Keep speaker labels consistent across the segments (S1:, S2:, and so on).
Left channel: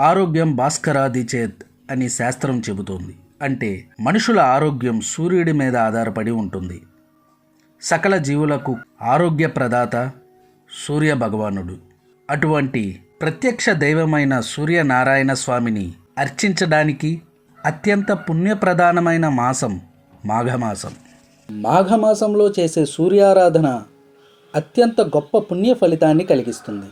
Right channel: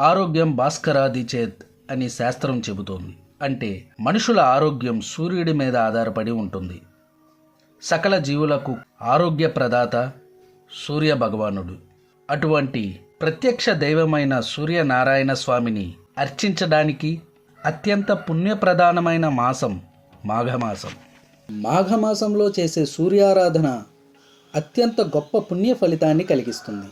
S1: ఆరోగ్యం భాస్కరాది చేత్ అని శాస్త్రం చెబుతోంది. అంటే మనుషుల ఆరోగ్యం సూర్యుడి మీద ఆధారపడి ఉంటుంది. సకల జీవులకు ఆరోగ్య ప్రదాత సూర్య భగవానుడు. అటువంటి ప్రత్యక్ష దైవమైన సూర్యనారాయణ స్వామిని అర్చించడానికి అత్యంత పుణ్యప్రధానమైన మాసం మాఘమాసం. మాఘమాసంలో చేసే సూర్యారాధన అత్యంత గొప్ప పుణ్య ఫలితాన్ని కలిగిస్తుంది.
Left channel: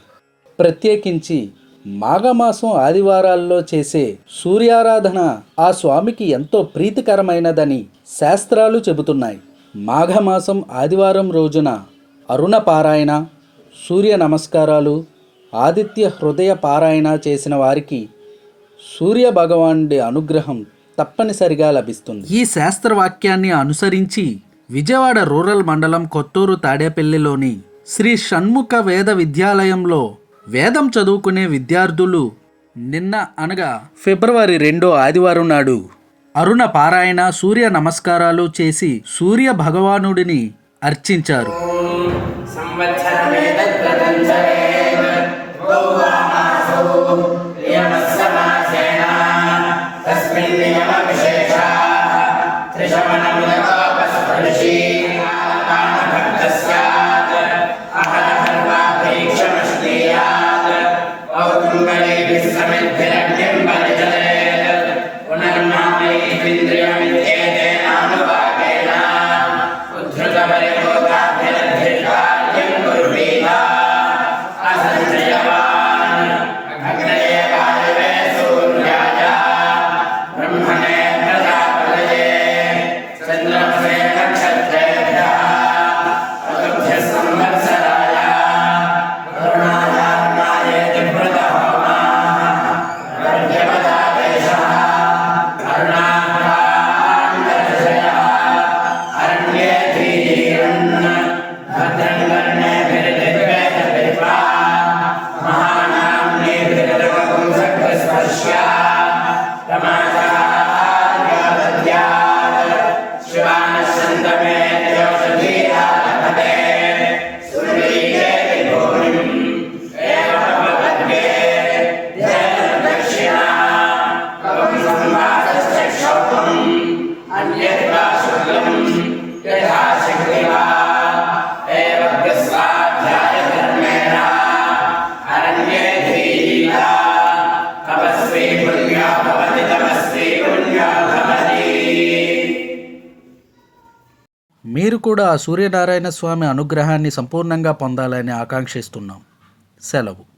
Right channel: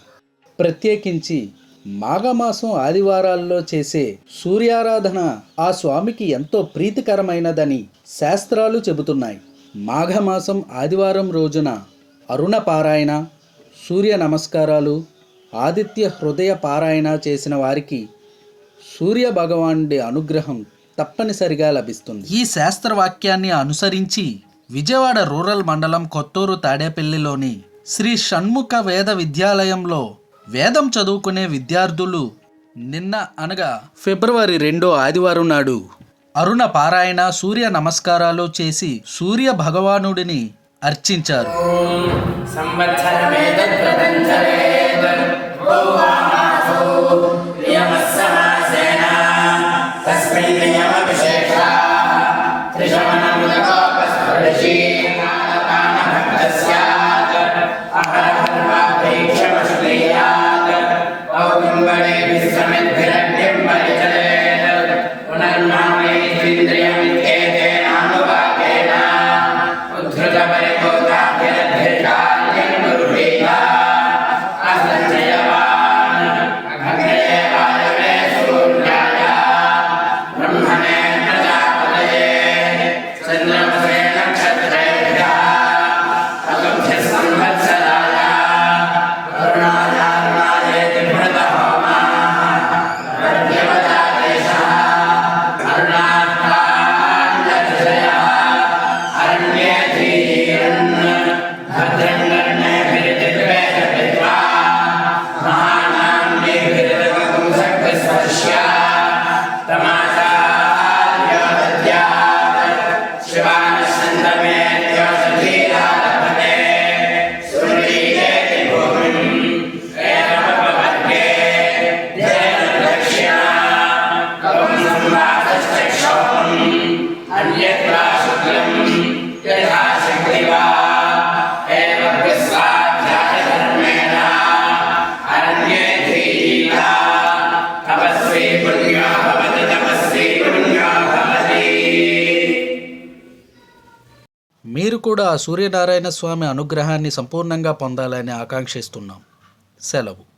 S1: ప్రత్యేకించి మాఘమాసం ఆదివారాల్లో చేసే సూర్యారాధన ఆ స్వామికి ఎంతో ప్రీతికరమైనదని శాస్త్రాలు చెబుతున్నాయి. మాఘమాసం ఆదివారం రోజున అరుణ పారాయణ సూర్య నమస్కారాలు ఆదిత్య హృదయ పారాయణ చేసిన వారికి సూర్య భగవానుడి అనుగ్రహం తప్పనిసరిగా లభిస్తుంది. ఈ శాస్త్రవాక్యాన్ని అనుసరించి విజయవాడ రూరల్ మండలం కొత్తూరు తాడేపల్లిలోని శ్రీ షణ్ముఖ వేద విద్యాలయంలో వేదం చదువుకునే విద్యార్థులు నిన్న అనగా ఫిబ్రవరి రెండో ఆదివారం నాడు అరుణ పారాయణ సూర్య నమస్కారాలు చేసి సూర్య భగవానుడిని అర్చించారు. Bhagavad Gita మీరు కూడా ఆ సూర్యనారాయణ స్వామి అనుగ్రహాన్ని సంపూర్ణంగా పొందాలని ఆకాంక్షిస్తున్నాం. సెలవు.